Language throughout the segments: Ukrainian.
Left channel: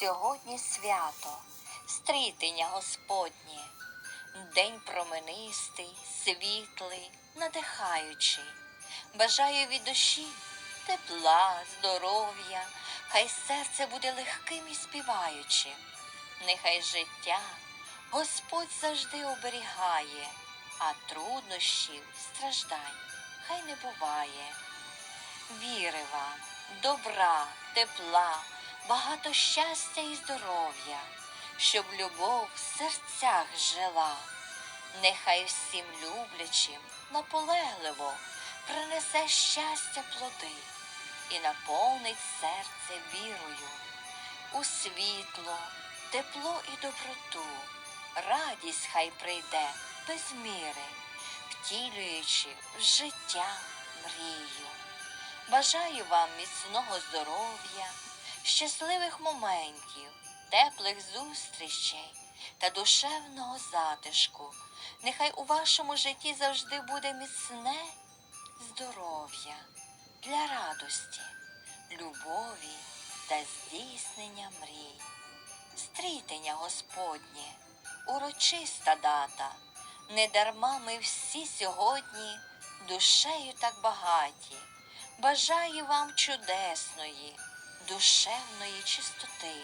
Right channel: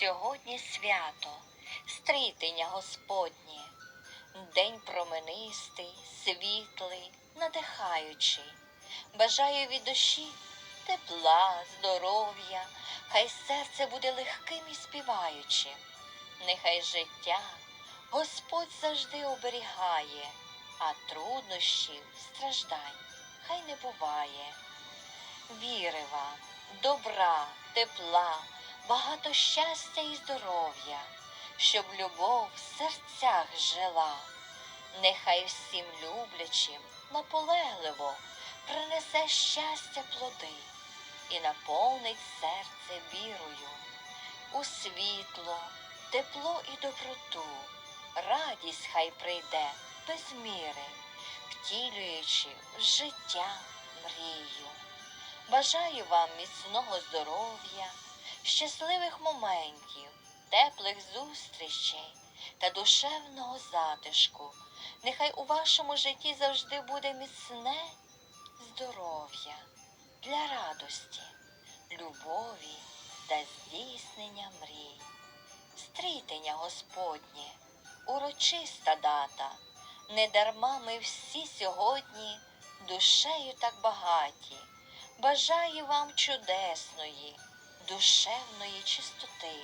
Сьогодні свято, стрітення Господнє, день променистий, світлий, надихаючий. Бажаю від душі тепла, здоров'я, хай серце буде легким і співаючим. Нехай життя Господь завжди оберігає, а труднощів, страждань хай не буває. Віри вам, добра, тепла, багато щастя і здоров'я, щоб любов в серцях жила. Нехай всім люблячим наполегливо принесе щастя плоди і наповнить серце вірою у світло, тепло і доброту. Радість хай прийде без міри, втілюючи в життя мрію. Бажаю вам міцного здоров'я, щасливих моментів, теплих зустрічей та душевного затишку. Нехай у вашому житті завжди буде міцне здоров'я для радості, любові та здійснення мрій. Стрітення Господнє, урочиста дата. Недарма ми всі сьогодні душею так багаті. Бажаю вам чудесної, душевної чистоти.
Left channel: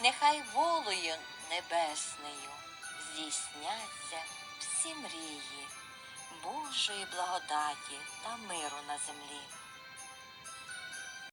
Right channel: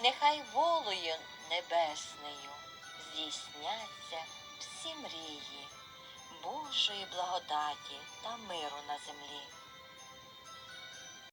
Нехай волею небесною здійсняться всі мрії Божої благодаті та миру на землі.